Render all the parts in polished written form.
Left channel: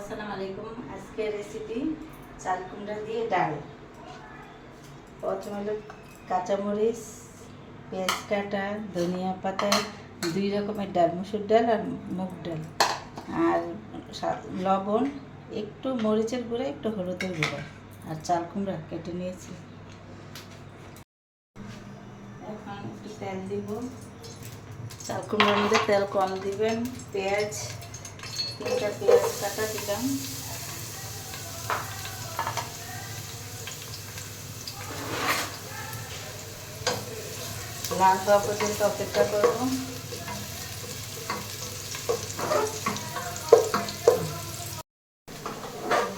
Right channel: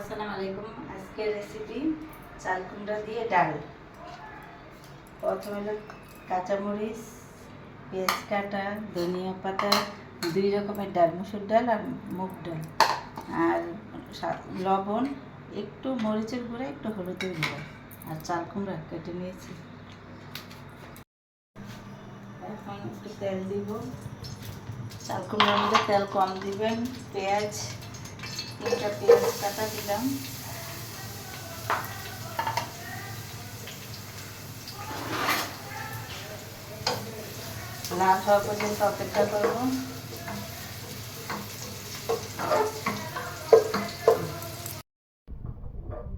আসসালামু আলাইকুম। আজকের রেসিপি চাল কুমড়া দিয়ে ডাল। প্রথমে হলো কাঁচামরিচ, পেঁয়াজ কাটা, ধনিয়া পাতা, 2 রকমের ডাল, মুসুর ডাল আর মুগ ডাল, আর লবণ, একটু মরিচের গুঁড়ো, একটু হলুদের গুঁড়ো, আর চাল কুমড়া কেটে নিয়েছি। এখন একটু তেল দিব। চাল কুমড়ার মধ্যে তেল কম দিবেন। পেঁয়াজ, 3টা পেঁয়াজ কাটা দিলাম। লাল হওয়া পর্যন্ত অপেক্ষা করব।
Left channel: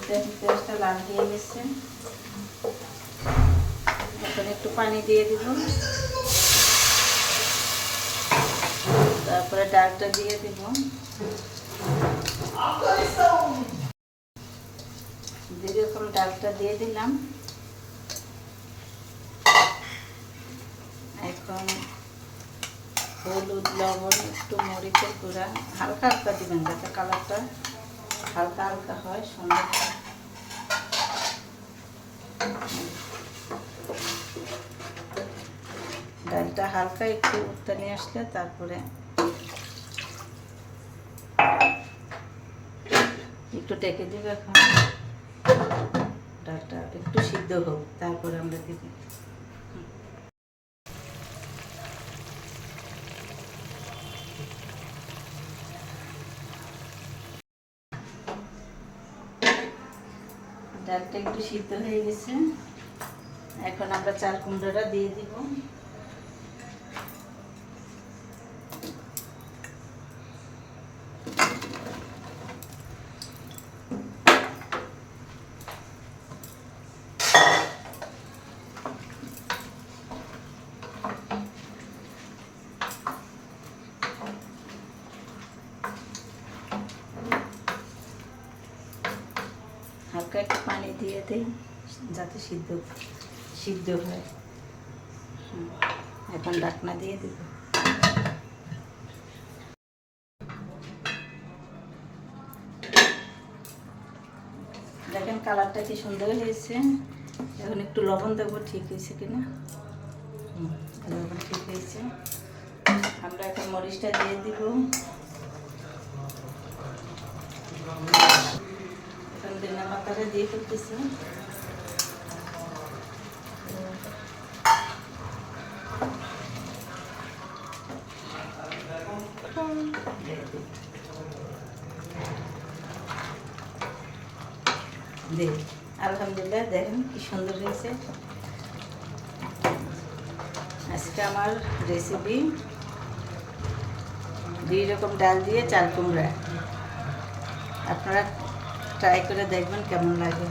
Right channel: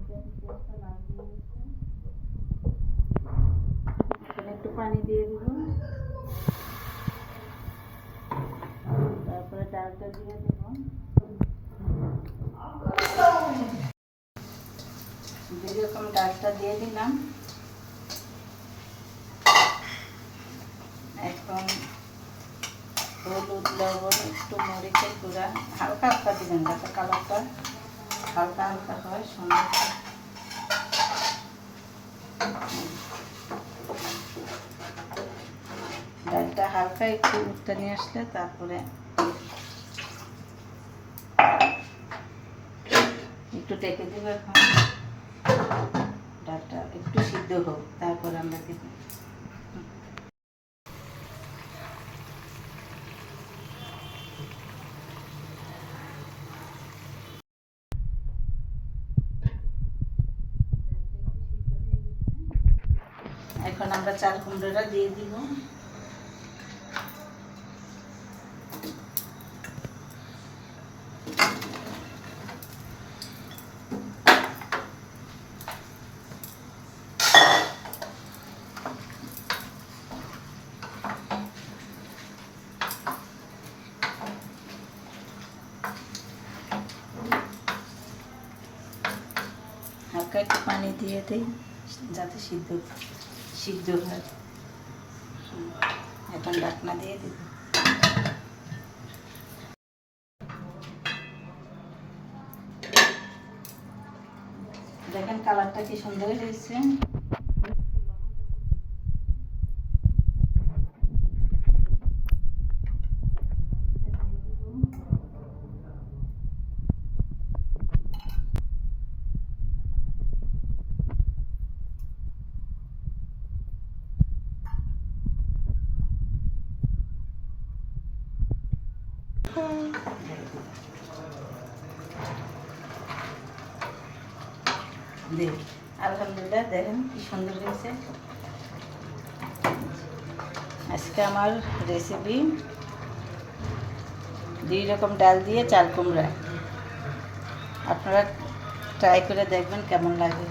পেঁয়াজটা লাল দিয়ে গেছে। এখন একটু পানি দিয়ে দিব। তারপরে ডালটা দিয়ে দিব। যেরকম ডালটা দিয়ে দিলাম। এখন হলুদ, লবণ, একটু মরিচের গুঁড়া হালকা হালকা দিবেন, যাতে কালারটা হালকা হালকা হয় সুন্দর। ডালটা হালকা একটু উঠতে নিয়ে আসলে তারপরে একটু ঢেকে দিব। এখন ডালটা একটু সিদ্ধ হোক, তারপরে আমরা দেব। ডালটা একটু সিদ্ধ হয়ে গেছে। এখন আমরা চাল কুমড়োটা দিয়ে দিব। হালকা একটু পানি দিয়ে দিই যাতে সিদ্ধ হয়। এখন ঢাকনা দিয়ে দিব। দেখেন কালারটা কি সুন্দর হয়েছে। এখন একটু লবণ দেবো, ঠিক হয়েছে কিনা। লবণ ঠিক হয়েছে। আমরা এখন মরিচটা দিয়ে দিব। এখন ধনিয়া পাতাটা দিয়ে ফেলতেছি। আলহামদুলিল্লাহ, দেখেন কি সুন্দর হয়েছে। আজকে আমার রেসিপি 2 রকম ডাল দিয়ে চাল কুমড়া। আপনারা ট্রাই করে দেখবেন কেমন লাগে।